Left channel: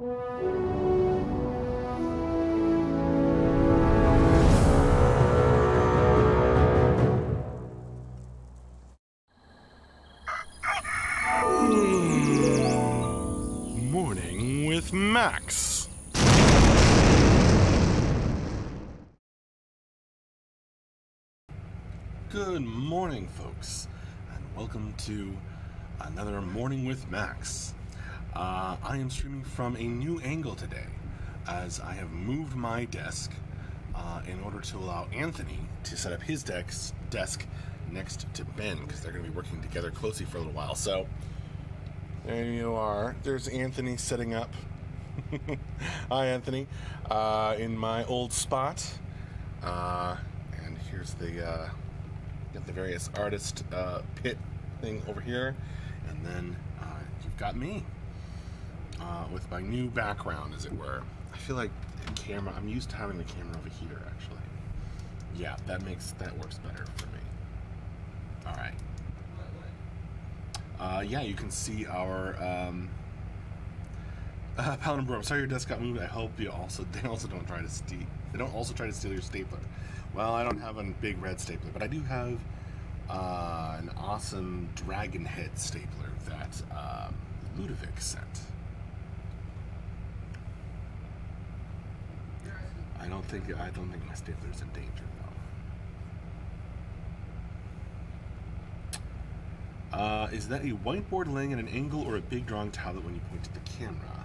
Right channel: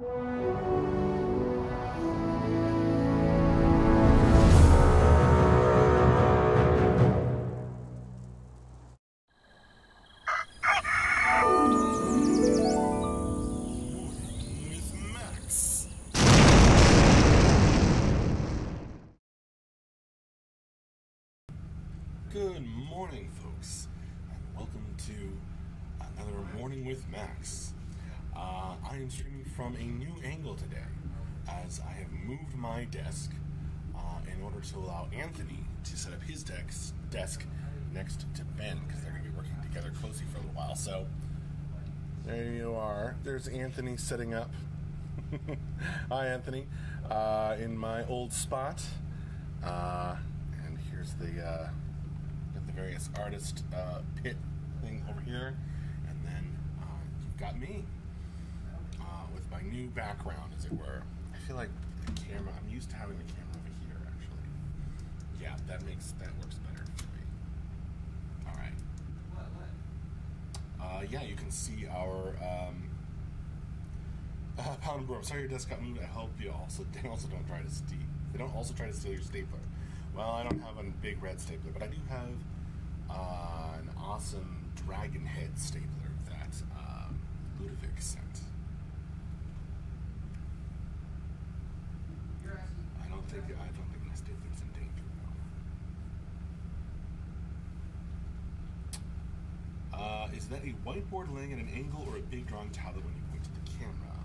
Morning with Max. Good morning, folks, and welcome to another Morning with Max. I am streaming from a new angle today, as I have moved my desk in order to allow Anthony to set up his desk next to Ben, because they're going to be working together closely for a little while. So there you are. There's Anthony setting up. Hi, Anthony. In my old spot. And here's the got the various artist pit thing over here. And then you've got me with my new background, as it were. I feel like the camera, I'm used to having the camera over here, actually. Yeah, that works better for me. All right. Yeah, you can see our Paladin Brew. I'm sorry your desk got moved. I hope they also don't try to steal. They don't also try to steal your stapler. Well, I don't have a big red stapler, but I do have an awesome dragon head stapler that Ludovic sent. I don't think my stapler's in danger though. Is that a whiteboard laying at an angle or a big drawing tablet when you point to the camera?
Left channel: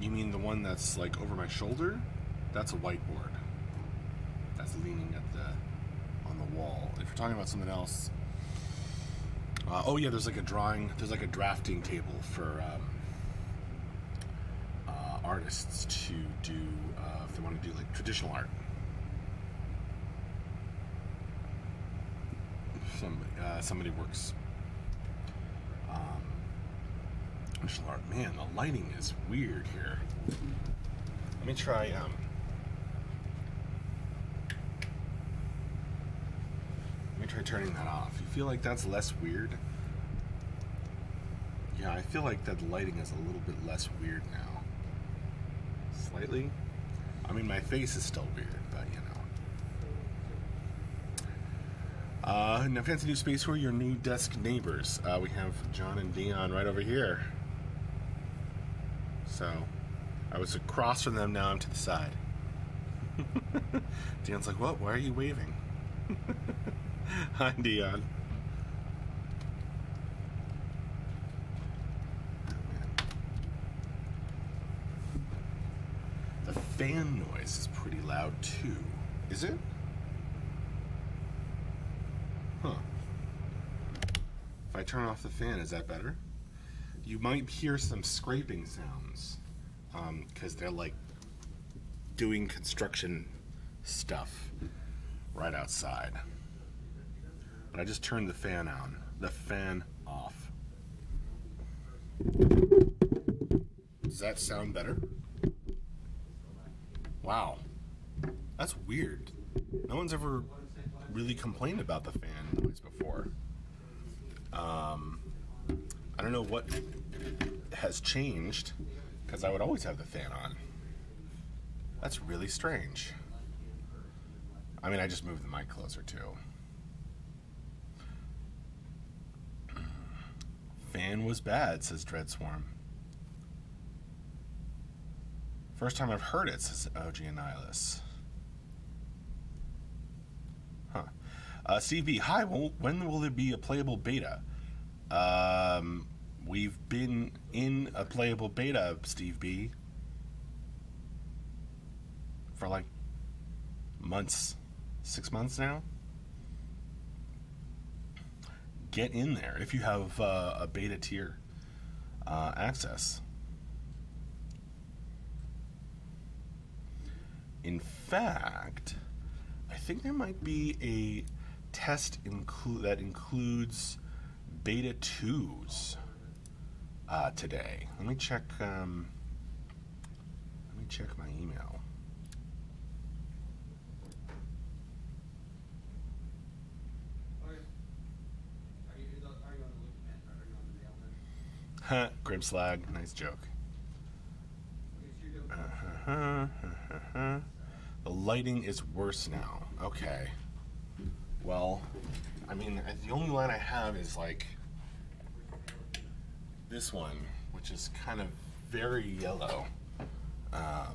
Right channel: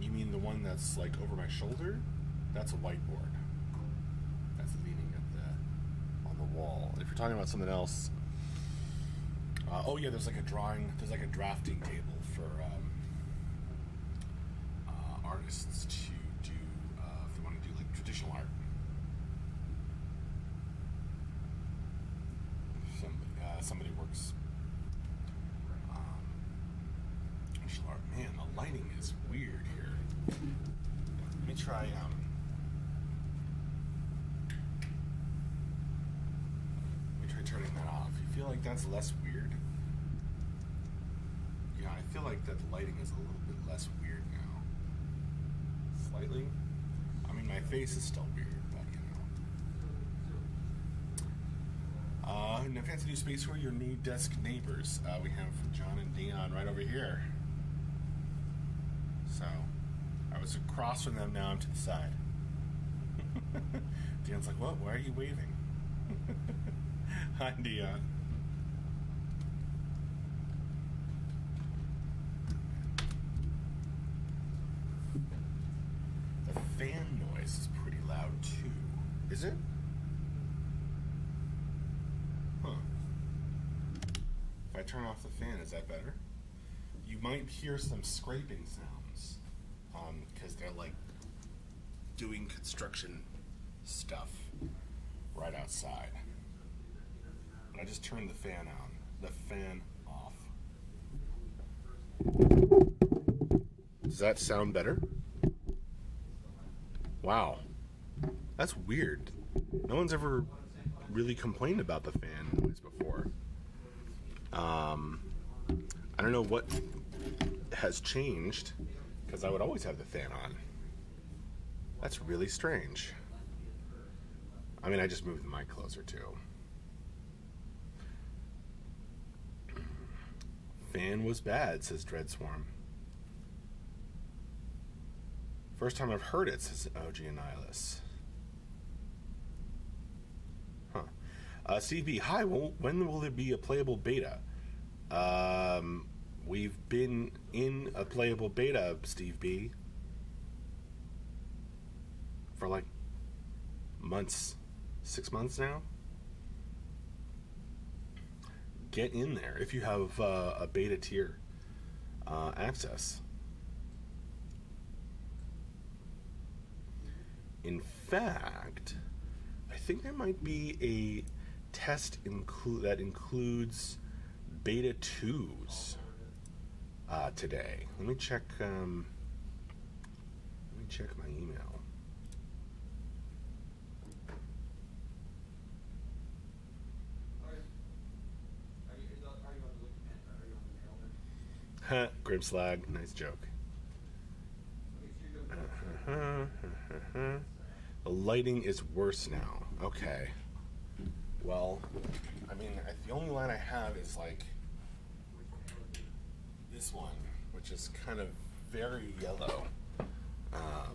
You mean the one that's like over my shoulder? That's a whiteboard. That's leaning on the wall. If you're talking about something else, oh yeah, there's like a drafting table for artists to do if they want to do like traditional art. Somebody works traditional art. Man, the lighting is weird here. Let me try turning that off. You feel like that's less weird? Yeah, I feel like that lighting is a little bit less weird now. Slightly. I mean, my face is still weird, but you know. Now, fancy new space. Who are your new desk neighbors? We have John and Dion right over here. So, I was across from them, now I'm to the side. Dion's like, what? Why are you waving? Hi, Dion. Oh, man. The fan noise is pretty loud, too. Is it? Huh. If I turn off the fan, is that better? You might hear some scraping sounds, because they're like doing construction stuff right outside. But I just turned the fan off. Does that sound better? Wow. That's weird. No one's ever really complained about the fan noise before. I don't know what has changed, because I would always have the fan on. That's really strange. I mean, I just moved the mic closer too. Fan was bad, says Dreadswarm. First time I've heard it, says OG Annihilus. Huh. Steve B, hi, when will there be a playable beta? We've been in a playable beta, Steve B, for like months, 6 months now. Get in there if you have a beta tier access. In fact, I think there might be a test that includes beta 2s today. Let me check my email. Grimslag, nice joke. The lighting is worse now. Okay. Well, I mean, the only line I have is like this one, which is kind of very yellow. I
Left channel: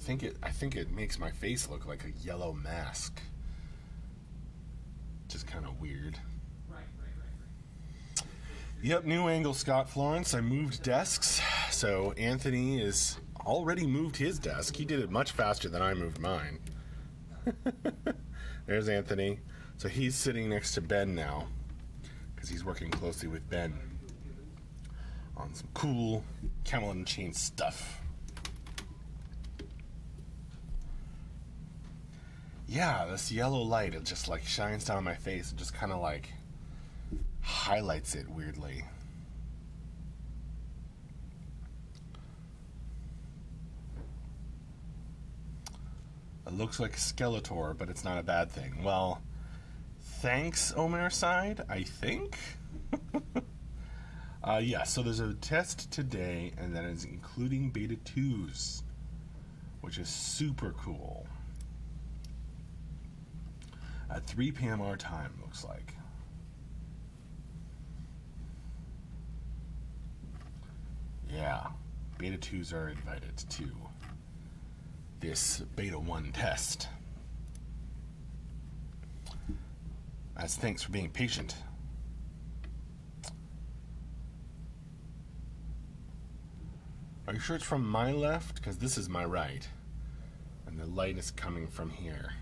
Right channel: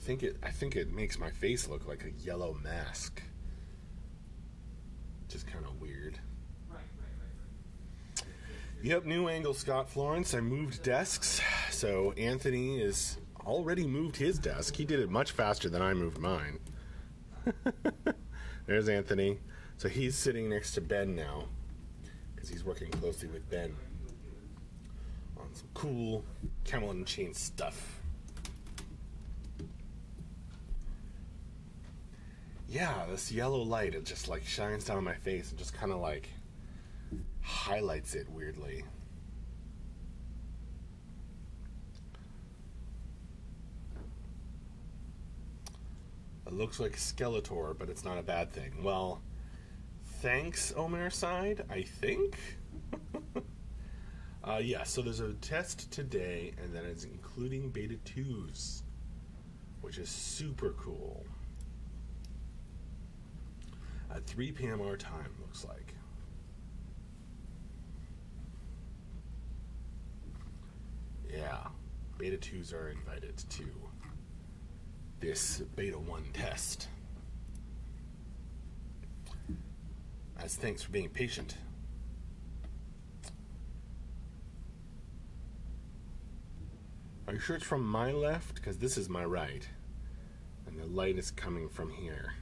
think it makes my face look like a yellow mask. Just kind of weird. Yep, new angle, Scott Florence. I moved desks, so Anthony is already moved his desk. He did it much faster than I moved mine. There's Anthony. So he's sitting next to Ben now, because he's working closely with Ben on some cool Camelot Unchained stuff. Yeah, this yellow light, it just like shines down on my face and just kind of like highlights it weirdly. It looks like Skeletor, but it's not a bad thing. Well, thanks, Omerside, I think. Yeah, so there's a test today, and that is including beta 2s, which is super cool. At 3 p.m. our time, looks like. Yeah, beta 2s are invited to this beta 1 test. As thanks for being patient. Are you sure it's from my left? Because this is my right. And the light is coming from here.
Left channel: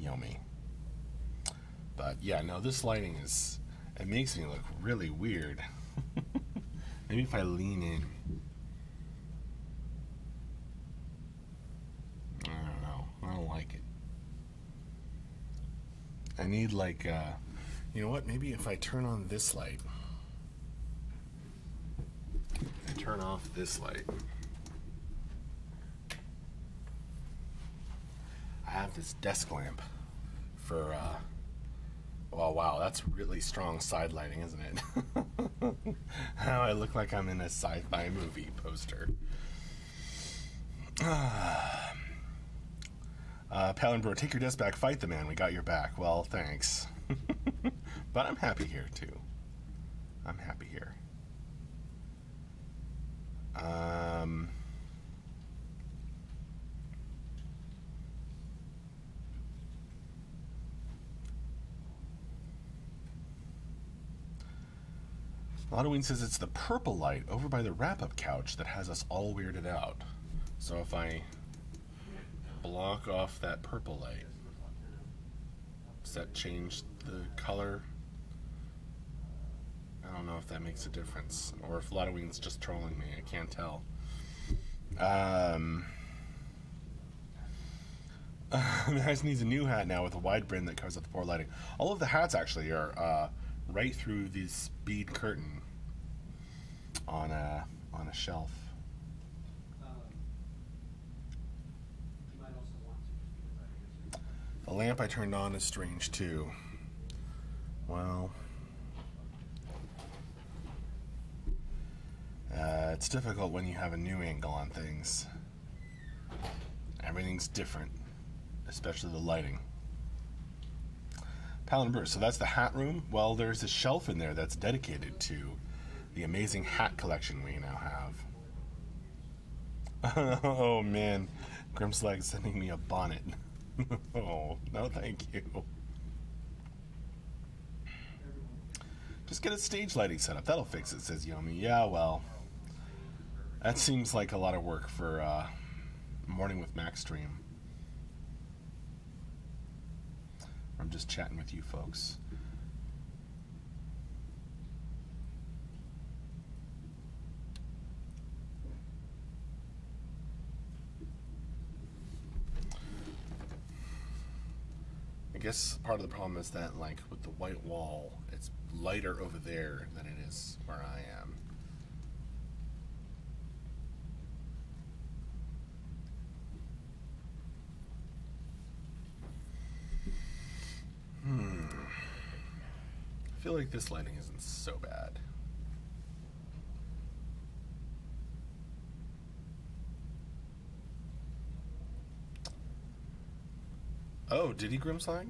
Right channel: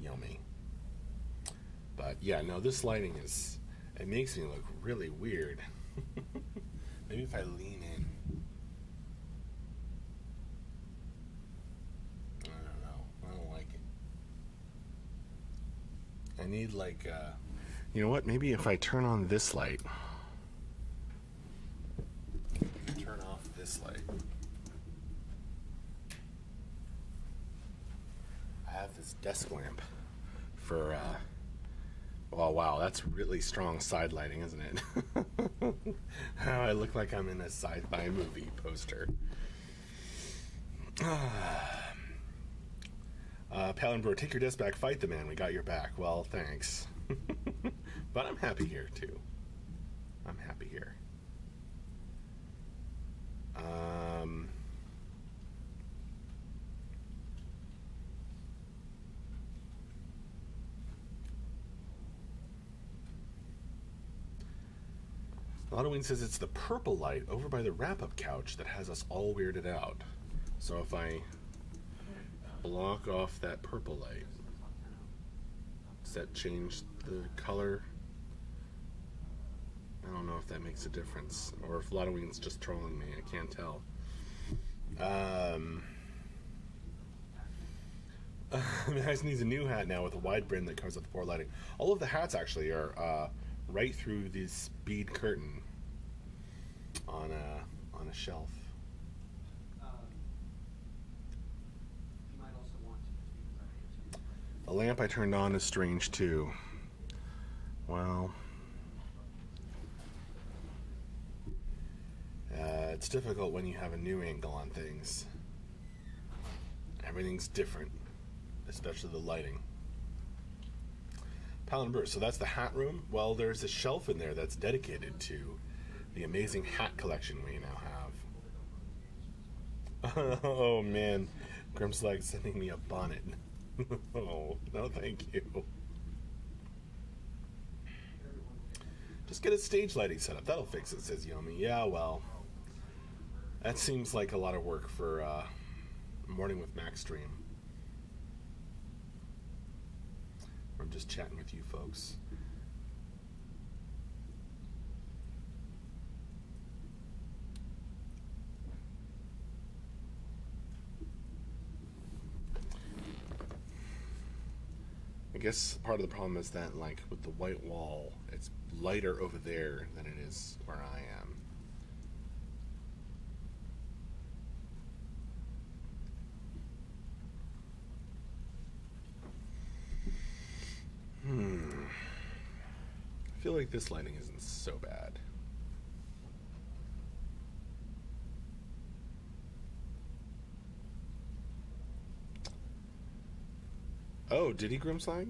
Yummy. But yeah, no, this lighting is... It makes me look really weird. Maybe if I lean in. I don't know. I don't like it. I need like, you know what? Maybe if I turn on this light. Turn off this light. I have this desk lamp for, well, wow, that's really strong side lighting, isn't it? How I look like I'm in a sci-fi movie poster. Palenbro, take your desk back, fight the man, we got your back. Well, thanks. But I'm happy here, too. I'm happy here. Halloween says it's the purple light over by the wrap-up couch that has us all weirded out. So if I block off that purple light, does that change the color? I don't know if that makes a difference, or if Halloween's just trolling me. I can't tell. Max needs a new hat now with a wide brim that covers up the poor lighting. All of the hats actually are right through this bead curtain on a shelf. The lamp I turned on is strange too. Well, it's difficult when you have a new angle on things. Everything's different, especially the lighting. Palin Bruce, so that's the hat room? Well, there's a shelf in there that's dedicated to the amazing hat collection we now have. Oh man, Grimslag sending me a bonnet. Oh, no thank you. Just get a stage lighting set up, that'll fix it, says Yomi. Yeah, well, that seems like a lot of work for Morning with Max stream. I'm just chatting with you folks. I guess part of the problem is that, like, with the white wall, it's lighter over there than it is where I am. feel like this lighting isn't so bad. Oh, did he Grimslag?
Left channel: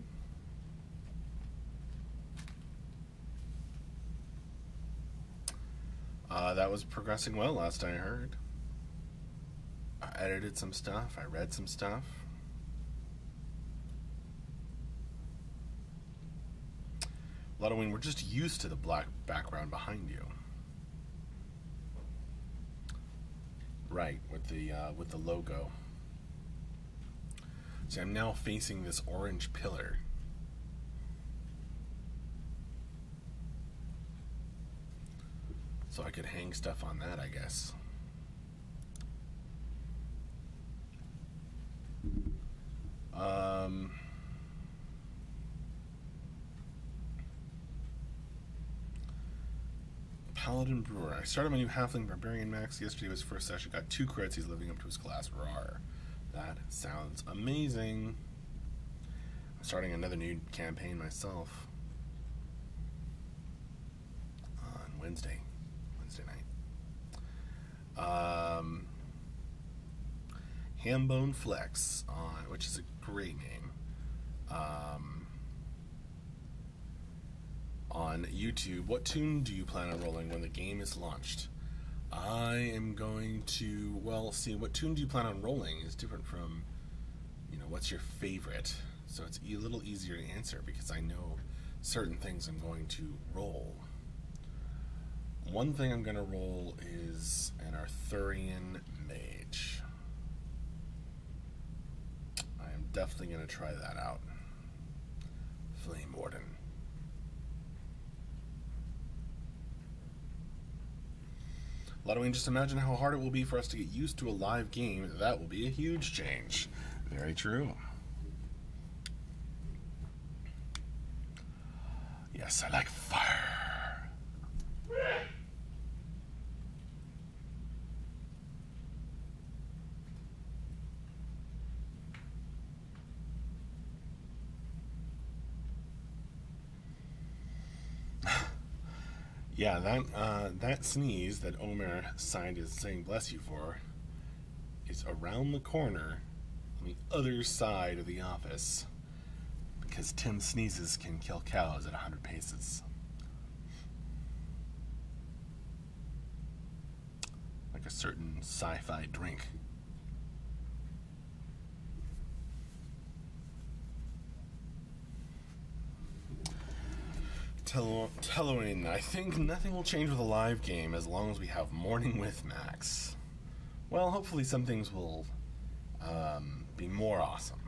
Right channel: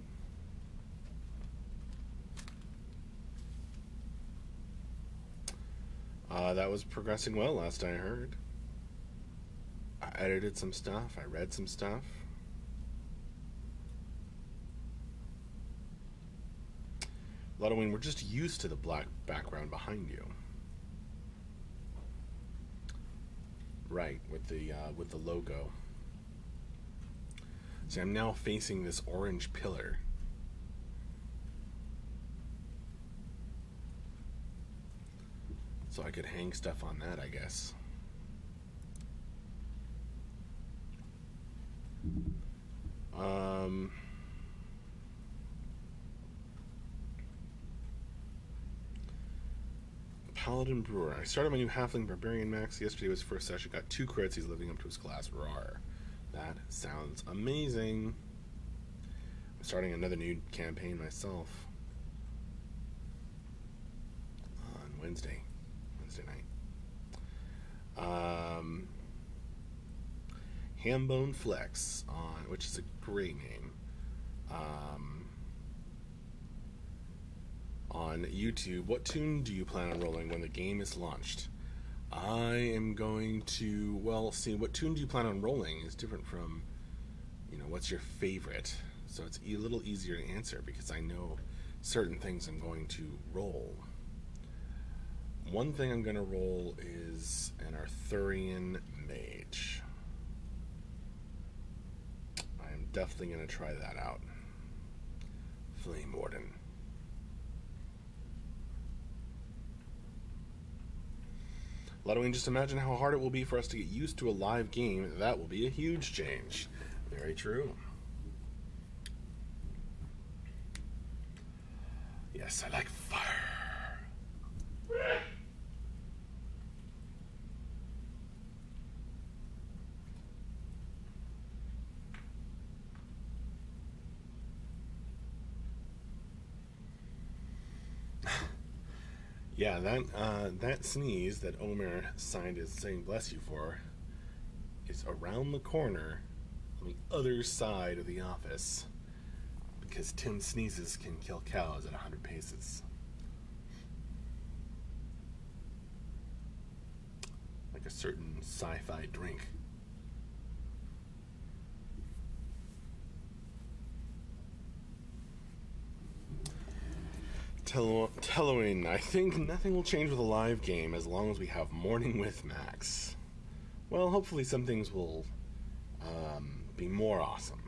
That was progressing well last I heard. I edited some stuff, I read some stuff. Ludwig, we're just used to the black background behind you. Right, with the logo. See, I'm now facing this orange pillar. So I could hang stuff on that, I guess. Paladin Brewer. I started my new Halfling Barbarian Max. Yesterday was first session. Got 2 crits. He's living up to his class. Rawr. That sounds amazing. I'm starting another new campaign myself on Wednesday night. Hambone Flex, which is a great name, on YouTube. What tune do you plan on rolling when the game is launched? I am going to, well, see, what tune do you plan on rolling is different from, what's your favorite? So it's a little easier to answer because I know certain things I'm going to roll. One thing I'm going to roll is an Arthurian Mage. I am definitely going to try that out. Flame Warden. Ludwig, just imagine how hard it will be for us to get used to a live game. That will be a huge change. Very true. Yes, I like fire. Yeah, that sneeze that Omer signed as saying bless you for is around the corner on the other side of the office because Tim sneezes can kill cows at 100 paces. Like a certain sci-fi drink. Telloin, I think nothing will change with a live game as long as we have Morning with Max. Well, hopefully some things will be more awesome.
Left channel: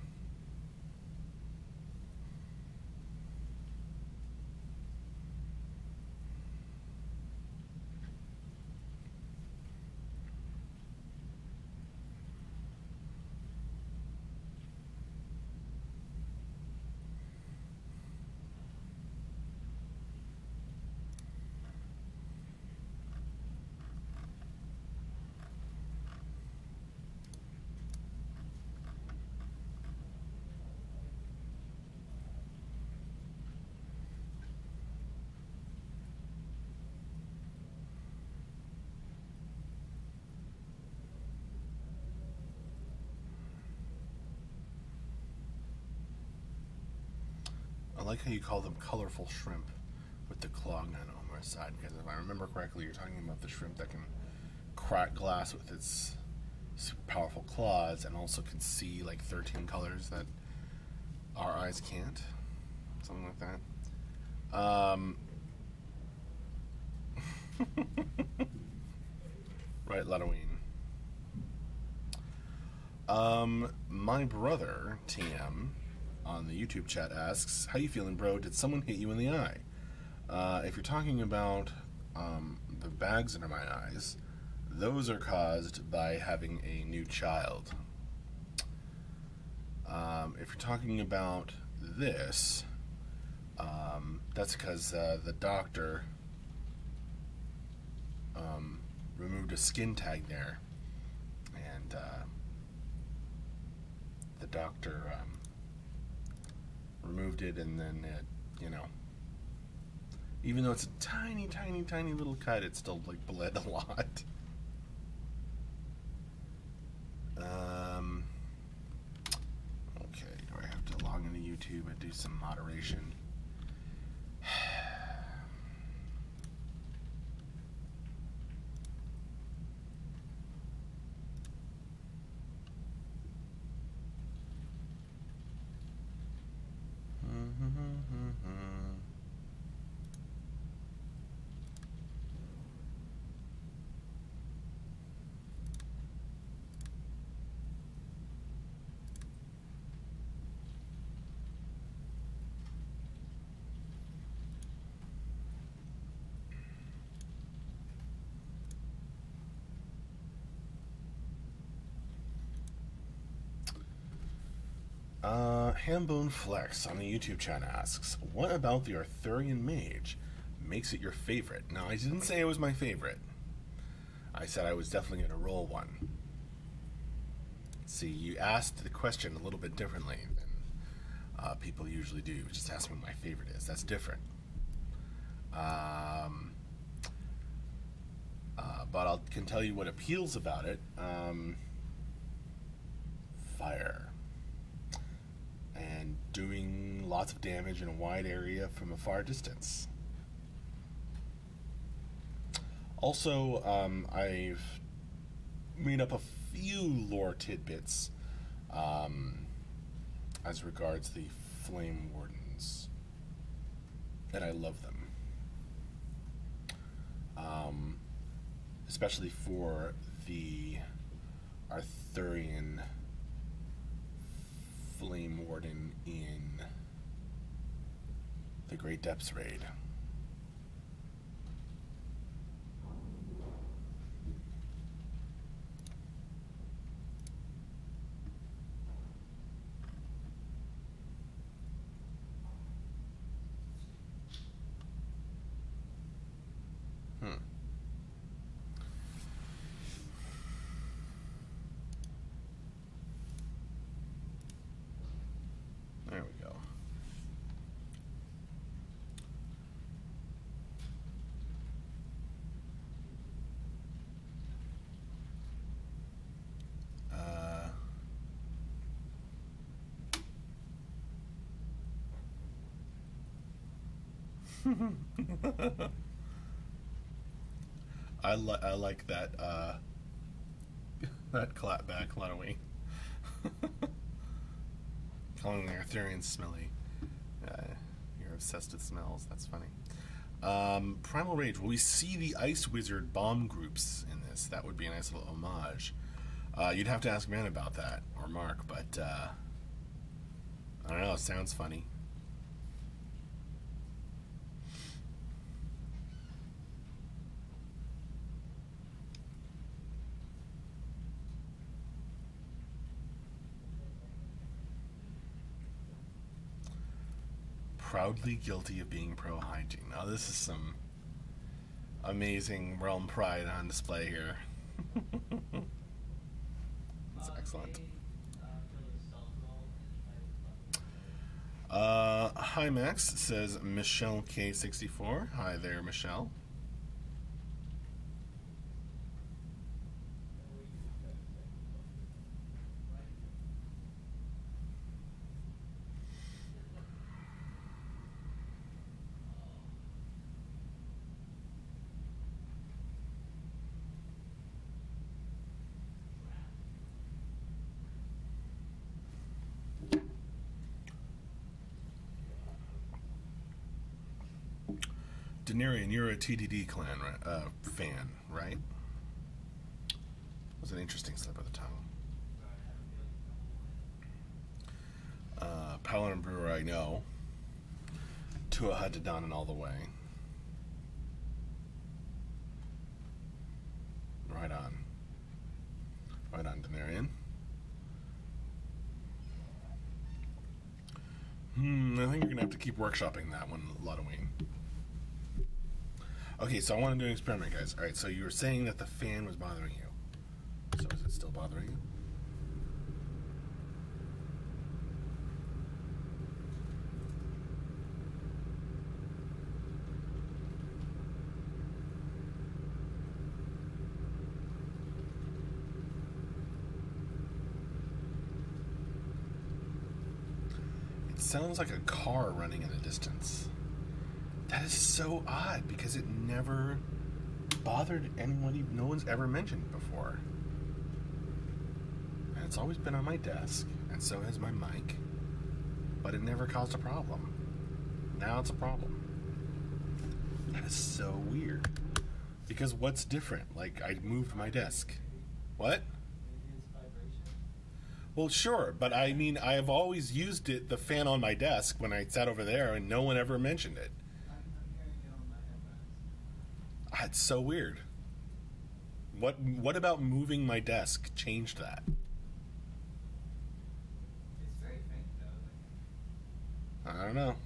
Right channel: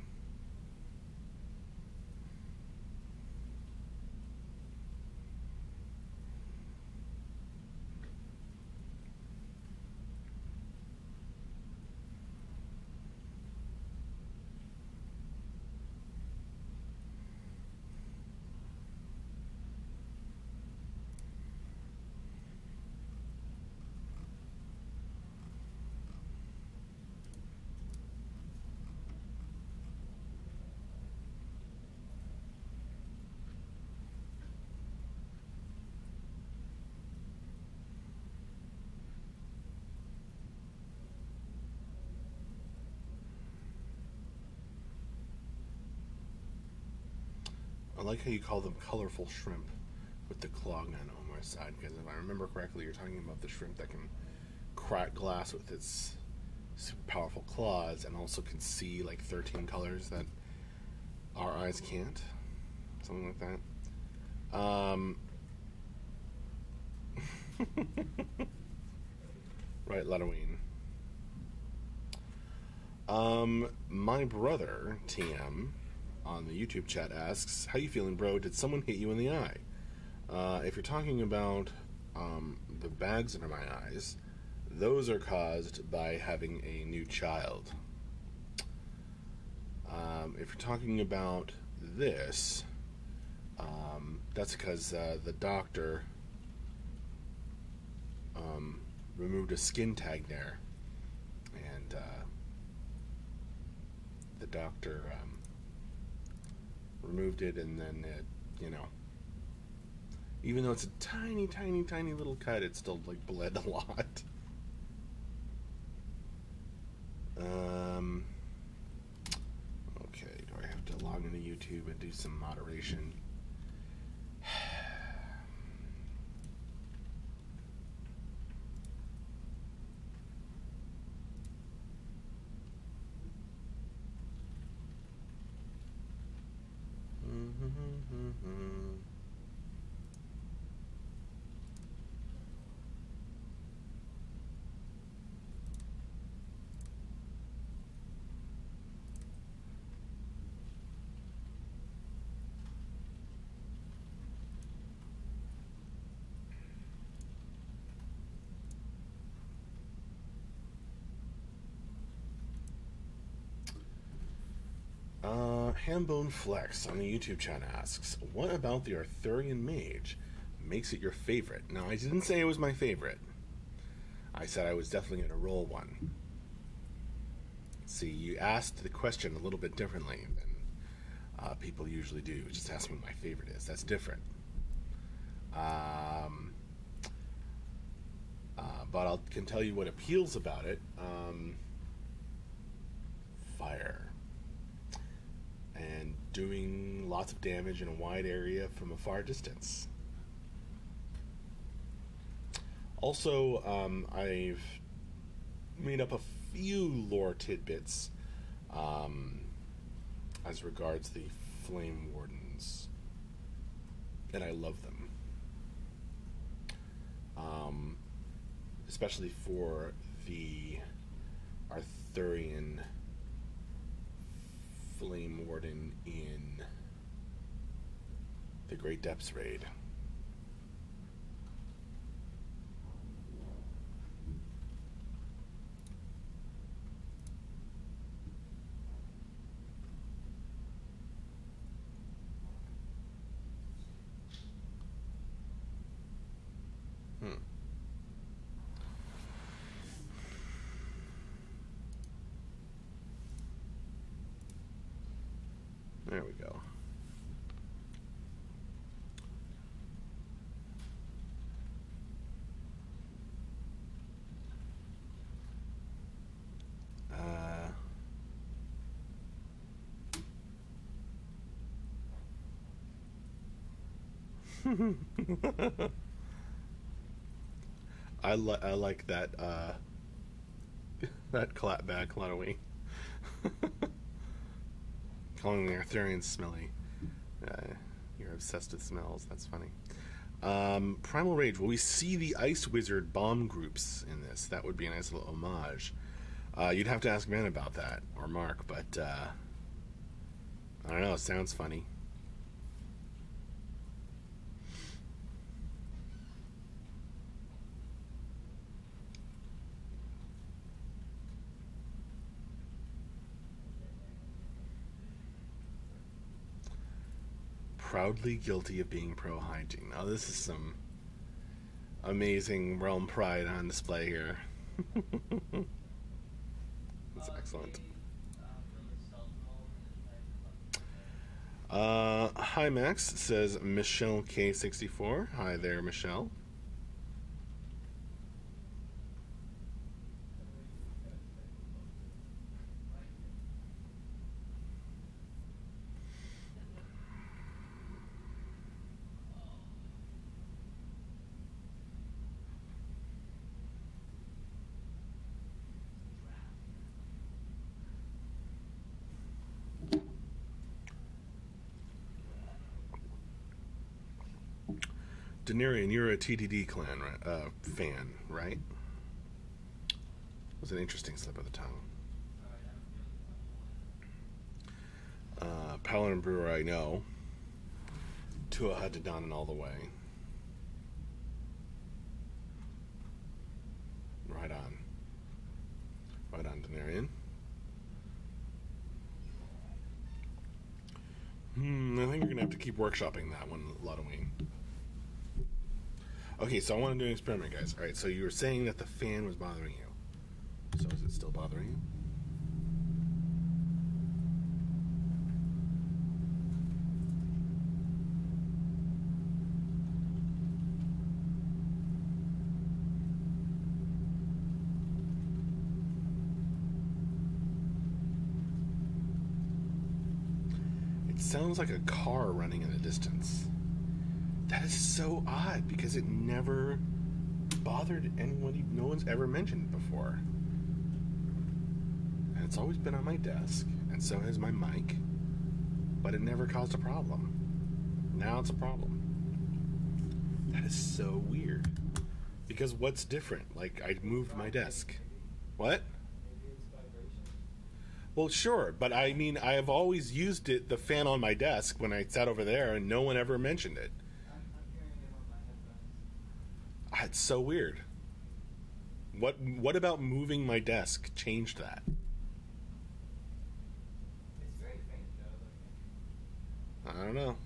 I like how you call them colorful shrimp with the claw gun on Omar's side, because if I remember correctly, you're talking about the shrimp that can crack glass with its super powerful claws and also can see like 13 colors that our eyes can't. Something like that. Right, Ladoween. My brother, TM, on the YouTube chat asks, how you feeling, bro? Did someone hit you in the eye? If you're talking about the bags under my eyes, those are caused by having a new child. If you're talking about this, that's because the doctor removed a skin tag there, and the doctor removed it, and then it, Even though it's a tiny, tiny, tiny little cut, it still like bled a lot. Okay, do I have to log into YouTube and do some moderation? Hambone Flex on the YouTube chat asks, what about the Arthurian Mage makes it your favorite? Now, I didn't say it was my favorite. I said I was definitely going to roll one. See, you asked the question a little bit differently than people usually do. Just ask me what my favorite is. That's different. But I can tell you what appeals about it. Fire. And doing lots of damage in a wide area from a far distance. Also, I've made up a few lore tidbits as regards the Flame Wardens, and I love them. Especially for the Arthurian Flame Warden in the Great Depths raid. There we go. I like that that bad Clonaway. Calling the Arthurians smelly. You're obsessed with smells. That's funny. Primal Rage. Will we see the Ice Wizard bomb groups in this? That would be a nice little homage. You'd have to ask Ben about that, or Mark, but I don't know. It sounds funny. Proudly guilty of being pro-hygiene. Now, this is some amazing realm pride on display here. That's excellent. Hi, Max, says Michelle K64. Hi there, Michelle. Denarian, you're a TDD clan fan, right? It was an interesting slip of the tongue. Paladin Brewer, I know. Tua Hadadan all the way. Right on. Right on, Denarian. I think you're going to have to keep workshopping that one, Lotoween. Okay, so I want to do an experiment, guys. Alright, so you were saying that the fan was bothering you. So is it still bothering you? sounds like a car running in the distance. That is so odd because it never bothered anyone. No one's ever mentioned before. And it's always been on my desk, and so has my mic, but it never caused a problem. Now it's a problem. That is so weird. Because what's different? Like, I moved my desk. What? Well, sure, but I mean, I have always used it, the fan on my desk, when I sat over there, and no one ever mentioned it. It's so weird. What about moving my desk changed that? It's very faint, though. I don't know.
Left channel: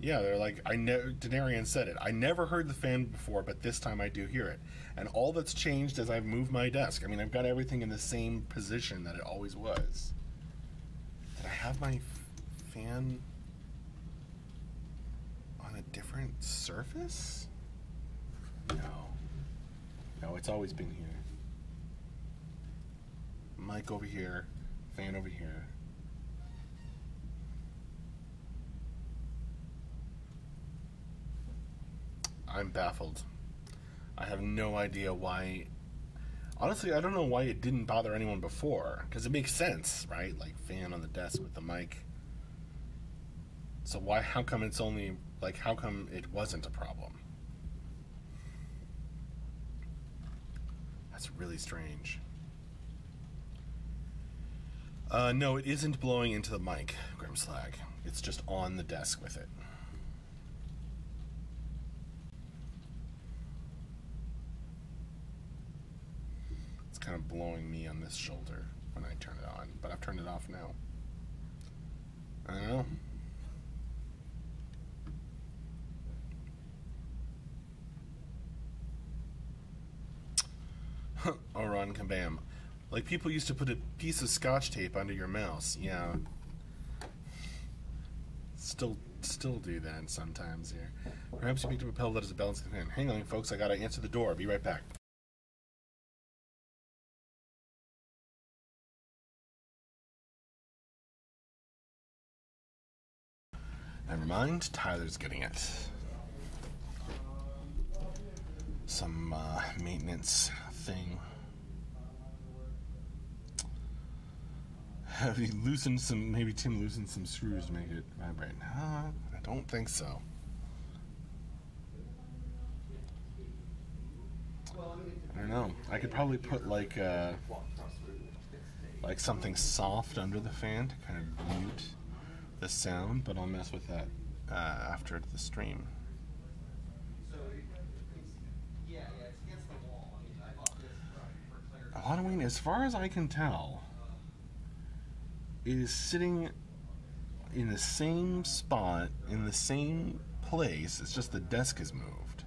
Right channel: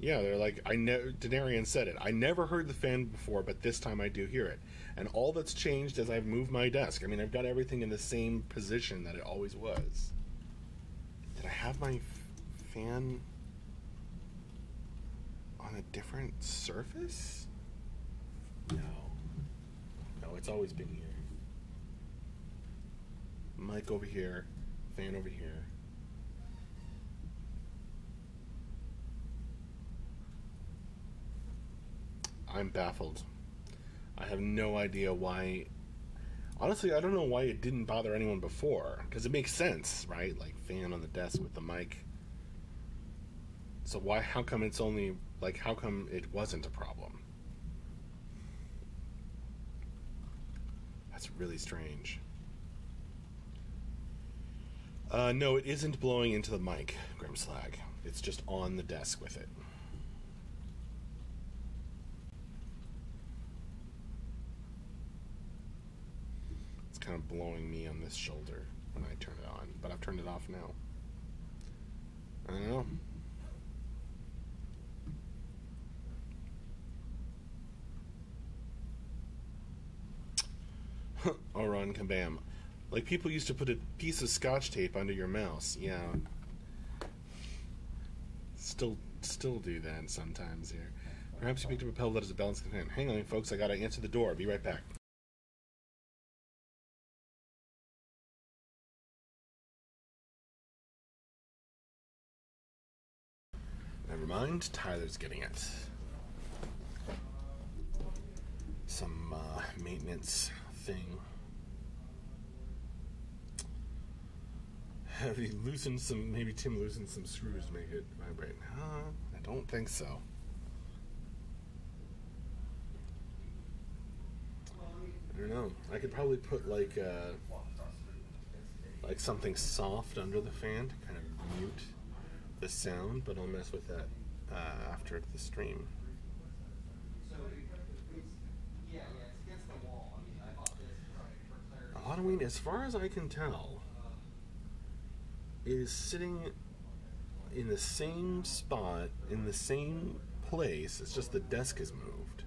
Yeah, they're like, Denarian said it. I never heard the fan before, but this time I do hear it. And all that's changed is I've moved my desk. I mean, I've got everything in the same position that it always was. Did I have my fan on a different surface? No. No, it's always been here. Mic over here, fan over here. I'm baffled. I have no idea why. Honestly, I don't know why it didn't bother anyone before. Because it makes sense, right? Like, fan on the desk with the mic. So why, how come it's only, like, how come it wasn't a problem? That's really strange. No, it isn't blowing into the mic, Grimslag. It's just on the desk with it. Kind of blowing me on this shoulder when I turn it on, but I've turned it off now. I don't know. Oh, run, kabam. Like people used to put a piece of scotch tape under your mouse. Yeah. Still do that sometimes here. Perhaps you picked up a pebble that is a balance companion. Hang on, folks, I gotta answer the door. Be right back. Never mind, Tyler's getting it. Some maintenance thing. Have you loosened some, maybe Tim loosened some screws to make it vibrate? I don't think so. I don't know. I could probably put like something soft under the fan to kind of mute the sound, but I'll mess with that after the stream. Halloween, as far as I can tell, is sitting in the same spot, in the same place. It's just the desk is moved.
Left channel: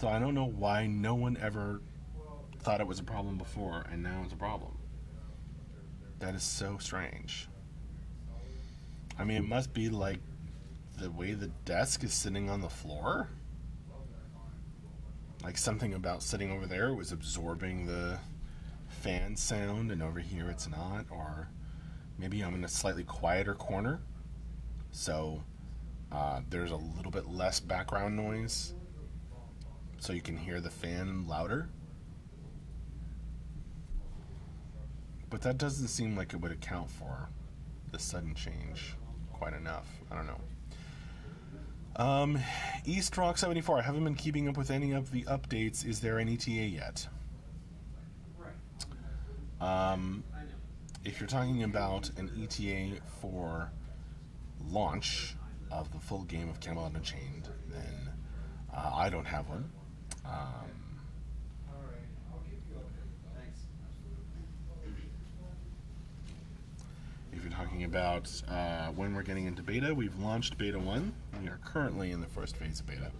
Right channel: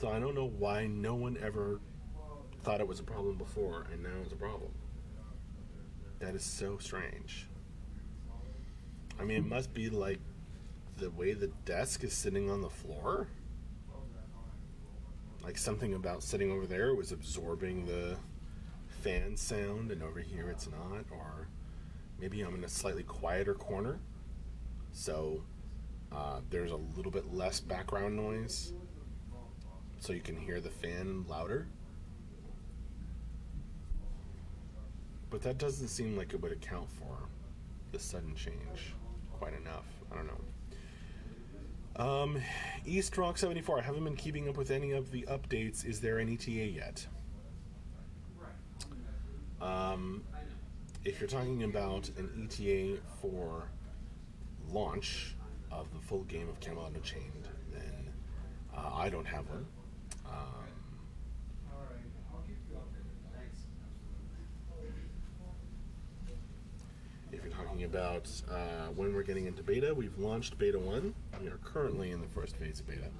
So I don't know why no one ever thought it was a problem before, and now it's a problem. That is so strange. I mean, it must be like the way the desk is sitting on the floor. Like something about sitting over there was absorbing the fan sound, and over here it's not. Or maybe I'm in a slightly quieter corner, so there's a little bit less background noise, so you can hear the fan louder. But that doesn't seem like it would account for the sudden change quite enough. I don't know. East Rock 74. I haven't been keeping up with any of the updates. Is there an ETA yet? If you're talking about an ETA for launch of the full game of Camelot Unchained, then I don't have one. If you're talking about when we're getting into beta, we've launched beta 1. We are currently in the first phase of beta.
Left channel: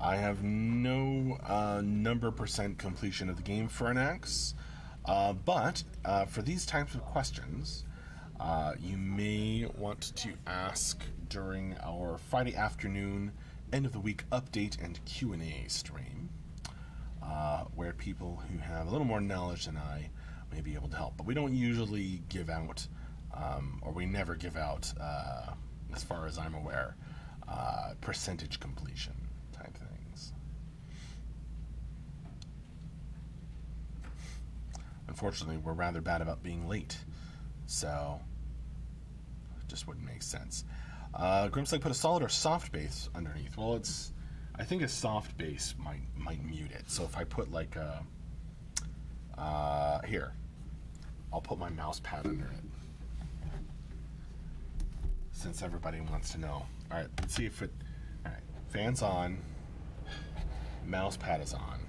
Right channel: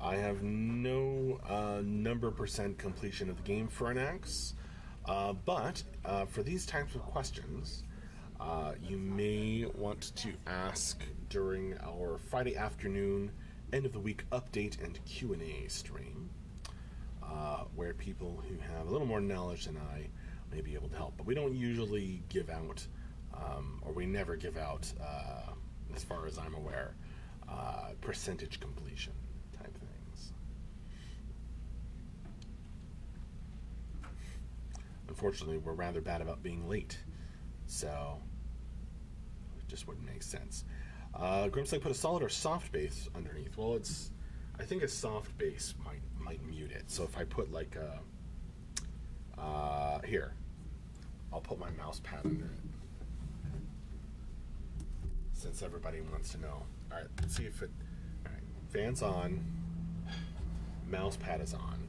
I have no number % completion of the game for an X, but for these types of questions, You may want to ask during our Friday afternoon end of the week update and Q&A stream, where people who have a little more knowledge than I may be able to help. But we don't usually give out, or we never give out, as far as I'm aware, percentage completion type things. Unfortunately, we're rather bad about being late, so it just wouldn't make sense. Grimslake put a solid or soft base underneath. Well, I think a soft base might mute it. So if I put like here, I'll put my mouse pad under it, since everybody wants to know. All right, let's see if it. All right, fan's on. Mouse pad is on.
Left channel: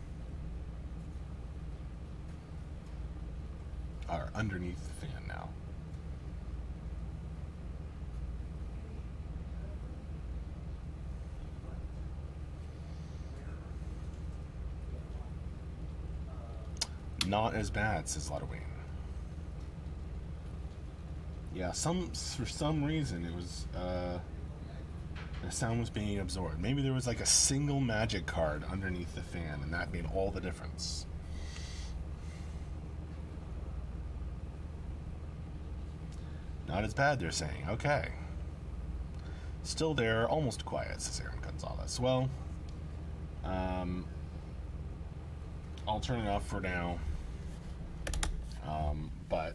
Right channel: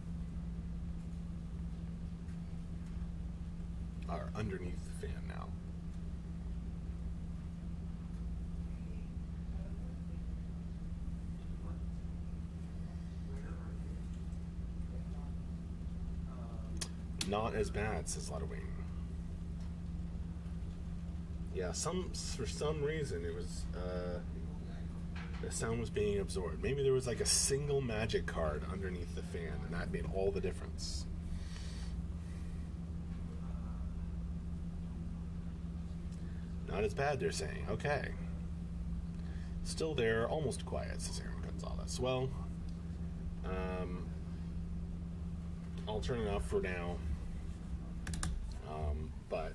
Or underneath the fan now. Not as bad, says Ludwig. Yeah, for some reason it was the sound was being absorbed. Maybe there was like a single magic card underneath the fan, and that made all the difference. Not as bad, they're saying. Okay. Still there, almost quiet, says Aaron Gonzalez. Well, I'll turn it off for now. But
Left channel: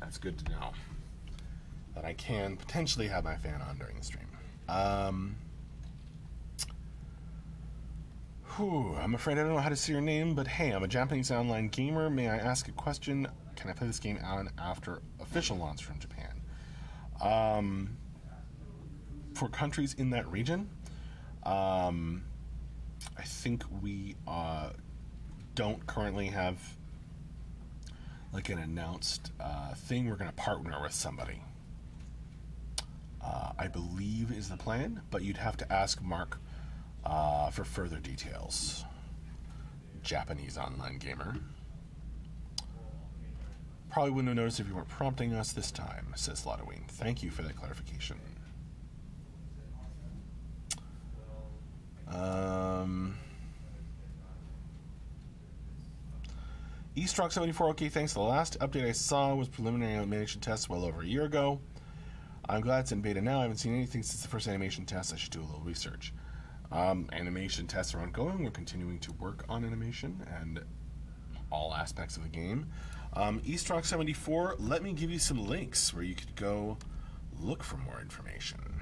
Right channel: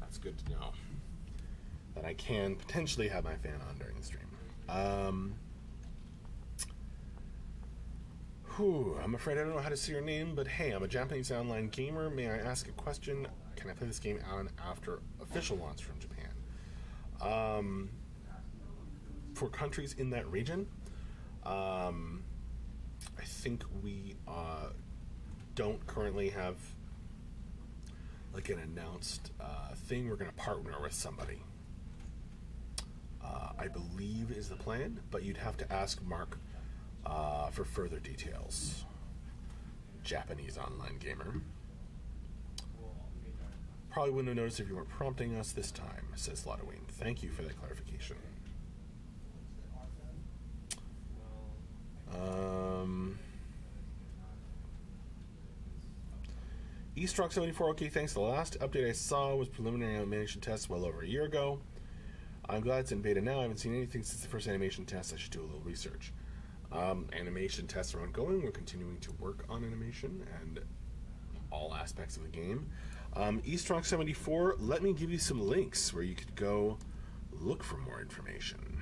that's good to know that I can potentially have my fan on during the stream. I'm afraid I don't know how to say your name, but hey, I'm a Japanese online gamer. May I ask a question? Can I play this game on after official launch from Japan? For countries in that region, I think we don't currently have like an announced thing. We're going to partner with somebody, I believe is the plan, but you'd have to ask Mark for further details. Japanese online gamer. Probably wouldn't have noticed if you weren't prompting us this time, says Lotoween. Thank you for that clarification. Eastrock74, okay, thanks. The last update I saw was preliminary animation tests well over a year ago. I'm glad it's in beta now. I haven't seen anything since the first animation test. I should do a little research. Animation tests are ongoing. We're continuing to work on animation and all aspects of the game. Eastrock74, let me give you some links where you could go look for more information.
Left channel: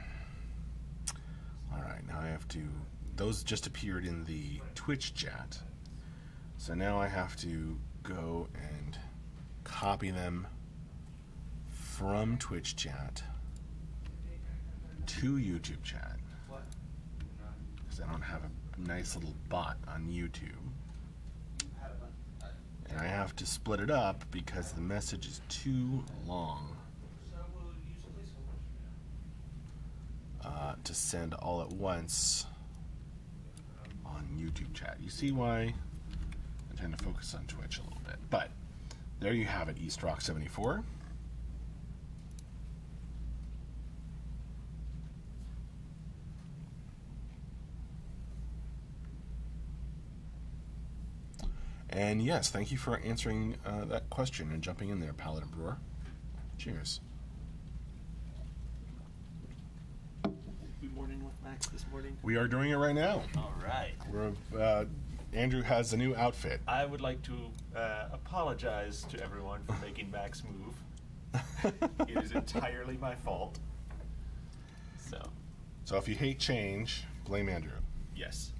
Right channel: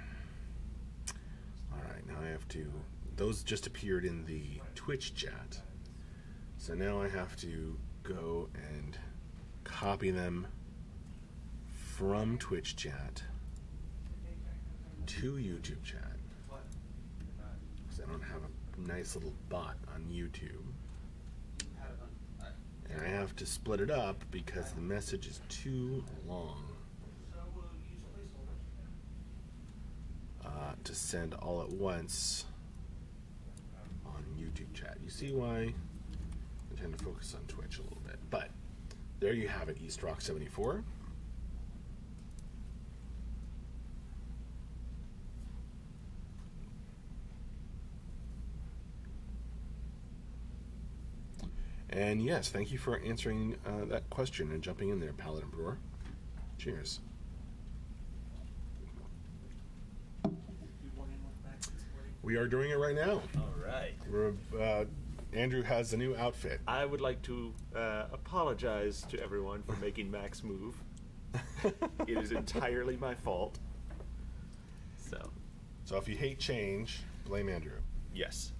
Alright, now I have to... Those just appeared in the Twitch chat. So now I have to go and copy them from Twitch chat to YouTube chat, because I don't have a nice little bot on YouTube, and I have to split it up because the message is too long to send all at once on YouTube chat. You see why I'm trying to focus on Twitch a little bit. But there you have it, Eastrock74. And yes, thank you for answering that question and jumping in there, Paladin Brewer. Cheers. Good morning with Max this morning. We are doing it right now. All right. We're Andrew has a new outfit. I would like to apologize to everyone for making Max move. It is entirely my fault. So if you hate change, blame Andrew. Yes.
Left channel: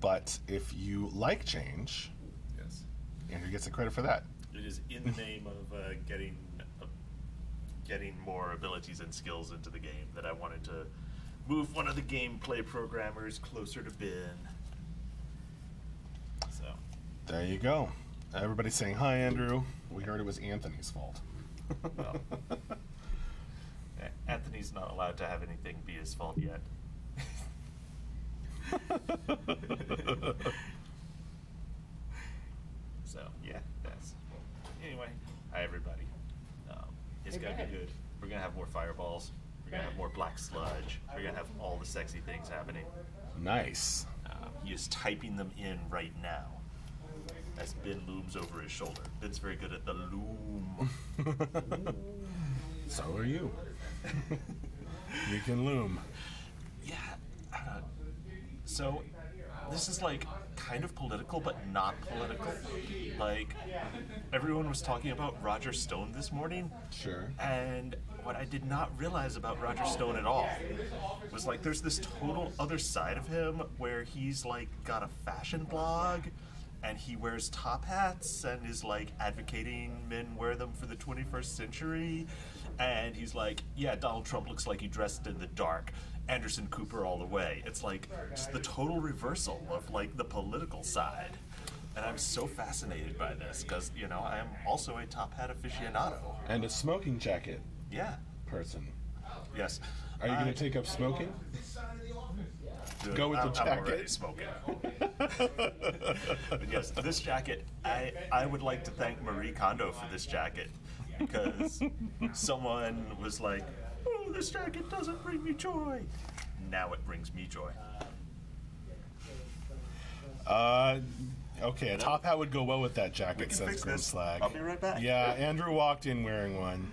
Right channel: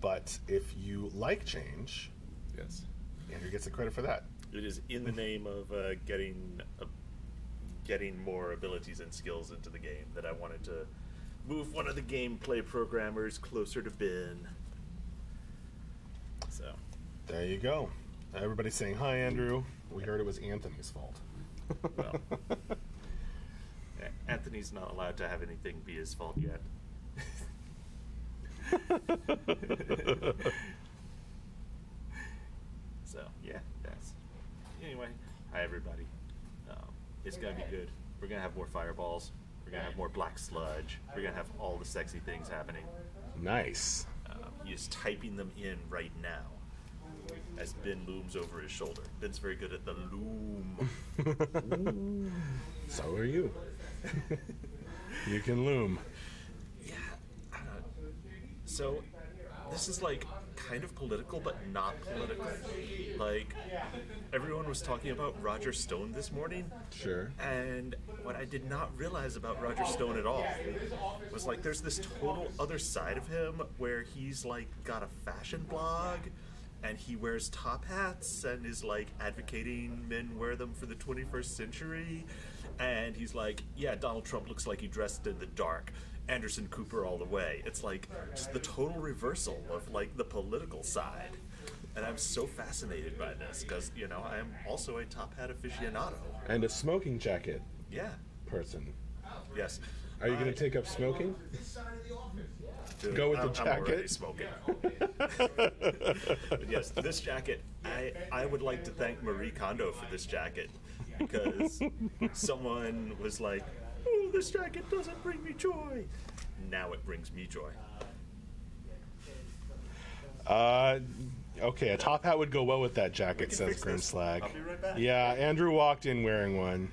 But if you like change, Yes. Andrew gets the credit for that. It is in the name of getting more abilities and skills into the game that I wanted to move one of the gameplay programmers closer to Ben. So There you go. Everybody's saying, hi, Andrew. We heard it was Anthony's fault. well, Anthony's not allowed to have anything be his fault yet. So yeah, that's anyway. Hi, everybody. It's going to be good. We're going to have more fireballs. We're going to have more black sludge. We're going to have all the sexy things happening. Nice. He is typing them in right now as Ben looms over his shoulder. Ben's very good at the loom. So are you. You can loom. Yeah. So, this is like kind of political, but not political. Like, everyone was talking about Roger Stone this morning. Sure. And what I did not realize about Roger Stone at all was like there's this total other side of him where he's like got a fashion blog and he wears top hats and is like advocating men wear them for the 21st century. And he's like, yeah, Donald Trump looks like he dressed in the dark. Anderson Cooper all the way. It's like just the total reversal of like the political side. And I'm so fascinated by this because, you know, I am also a top hat aficionado. And a smoking jacket Yeah. person. Yes. Are you going to take up smoking? Dude, Go with the jacket? I'm already smoking. But yes, this jacket, I would like to thank Marie Kondo for this jacket because someone was like, oh, this jacket doesn't bring me joy. Now it brings me joy. Okay, a top hat would go well with that jacket, says fix this. Grimslag. I'll be right back. Yeah, Andrew walked in wearing one.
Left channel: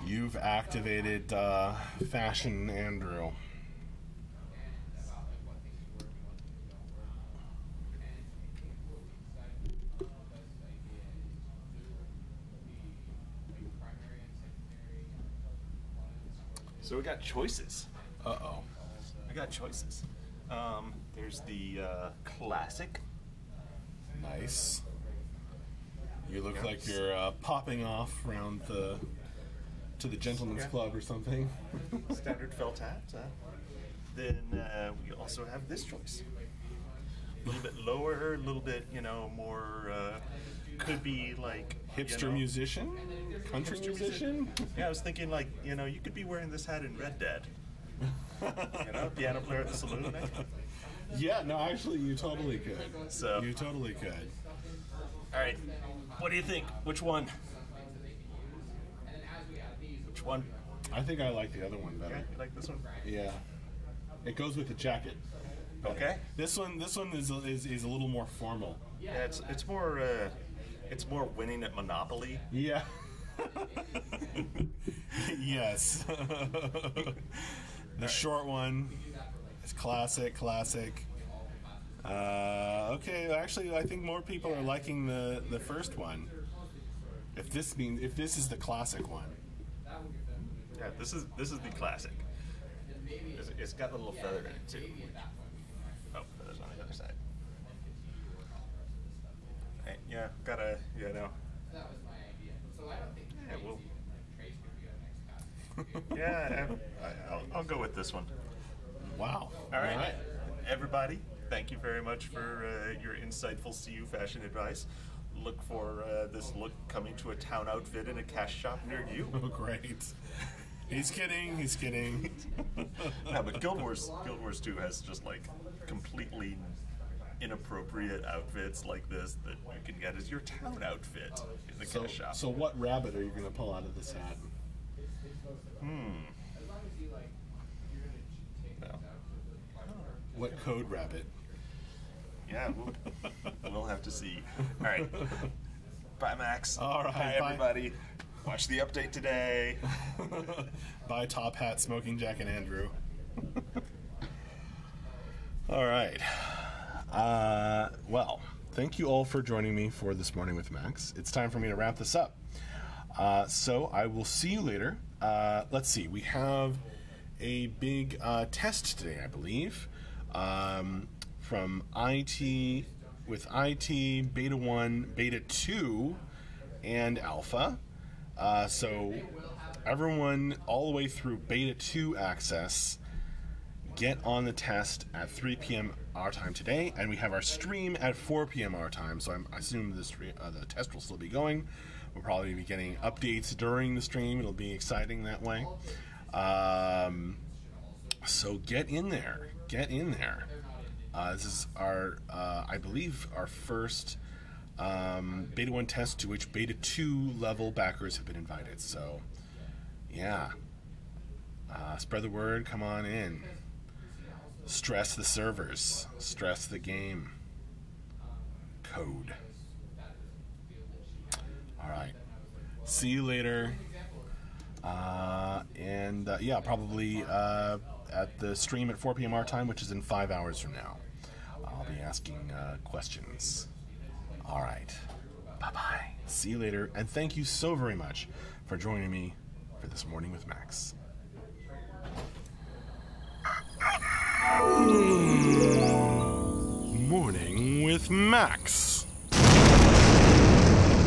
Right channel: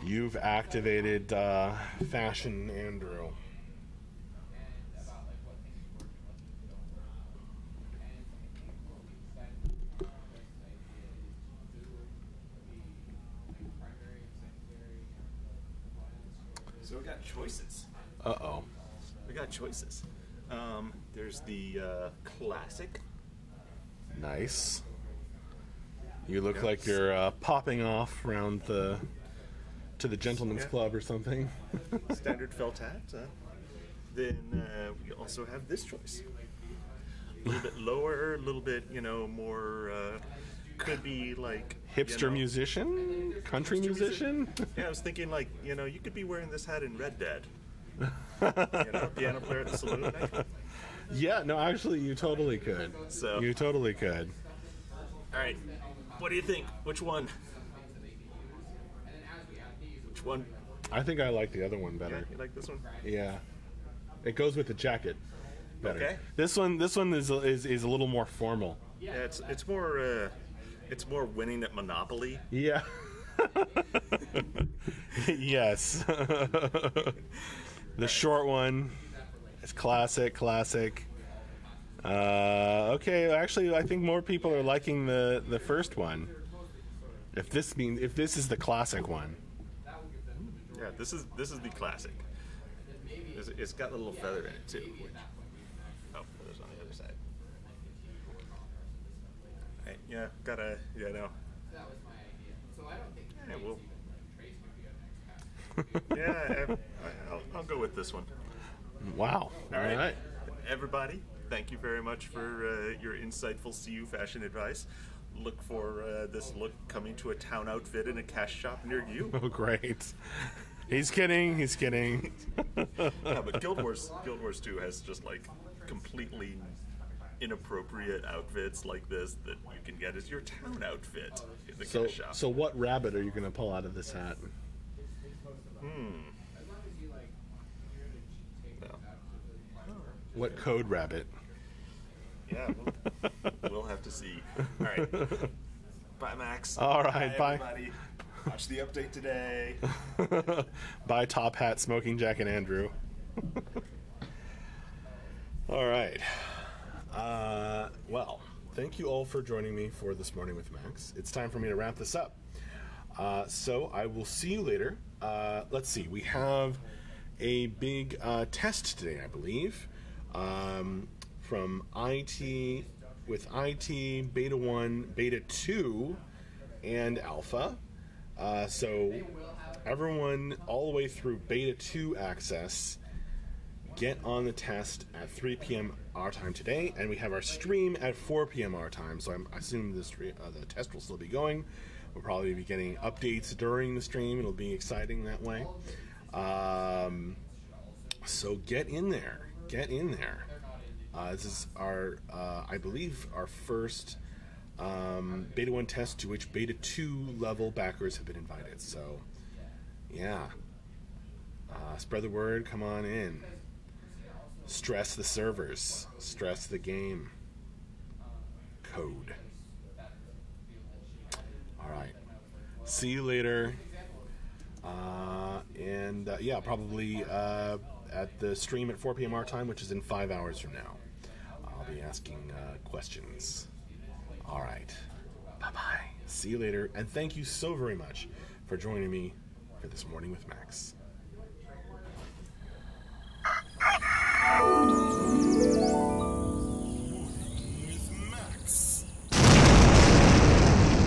You've activated Fashion Andrew. So we got choices. Uh-oh. We got choices. There's the classic. Nice. You look like you're popping off around to the gentleman's club or something. Standard felt hat. Then we also have this choice. A little bit lower, a little bit, you know, more, could be like... Hipster you know, musician? Country hipster musician? Yeah, I was thinking like, you know, you could be wearing this hat in Red Dead. You know, piano player at the saloon, maybe? Yeah, no, actually, you totally could. So- You totally could. All right, what do you think? Which one? Which one? I think I like the other one better. Yeah, you like this one? Yeah. It goes with the jacket better. Okay. This one is a little more formal. Yeah, it's more winning at Monopoly. Yeah. Yes. The short one is classic. Okay, actually, I think more people are liking the first one. If this is the classic one. Yeah, this is the classic. It's got a little feather in it too. Oh, feathers on the other side. Right, yeah, gotta, you know. Yeah, well. Yeah, I'll go with this one. Wow. All right. Everybody, thank you very much for your insightful CU fashion advice. Look for this look coming to a town outfit in a cash shop near you. Oh, great. He's kidding. Yeah, but Guild Wars 2 has just like completely inappropriate outfits like this that you can get as your town outfit in the cash shop. So what rabbit are you going to pull out of this hat? No. What code rabbit? Yeah, we'll have to see. All right. Bye, Max. All right, bye. Everybody. Watch the update today. Bye, top hat, smoking jacket, Andrew. All right. Well, thank you all for joining me for This Morning with Max. It's time for me to wrap this up. So I will see you later. Let's see. We have a big test today, I believe, from IT, with IT, Beta 1, Beta 2, and Alpha. So everyone all the way through Beta 2 access, get on the test at 3 p.m. our time today, and we have our stream at 4 p.m. our time, so I assume the test will still be going. We'll probably be getting updates during the stream. It'll be exciting that way. So get in there. Get in there. This is our, I believe, our first Beta 1 test to which Beta 2 level backers have been invited. So, yeah. Spread the word. Come on in. Stress the servers. Stress the game. Code. All right. See you later. Yeah, probably at the stream at 4 p.m. our time, which is in 5 hours from now. I'll be asking questions. All right. Bye-bye. See you later. And thank you so very much for joining me for this Morning with Max. Morning with Max.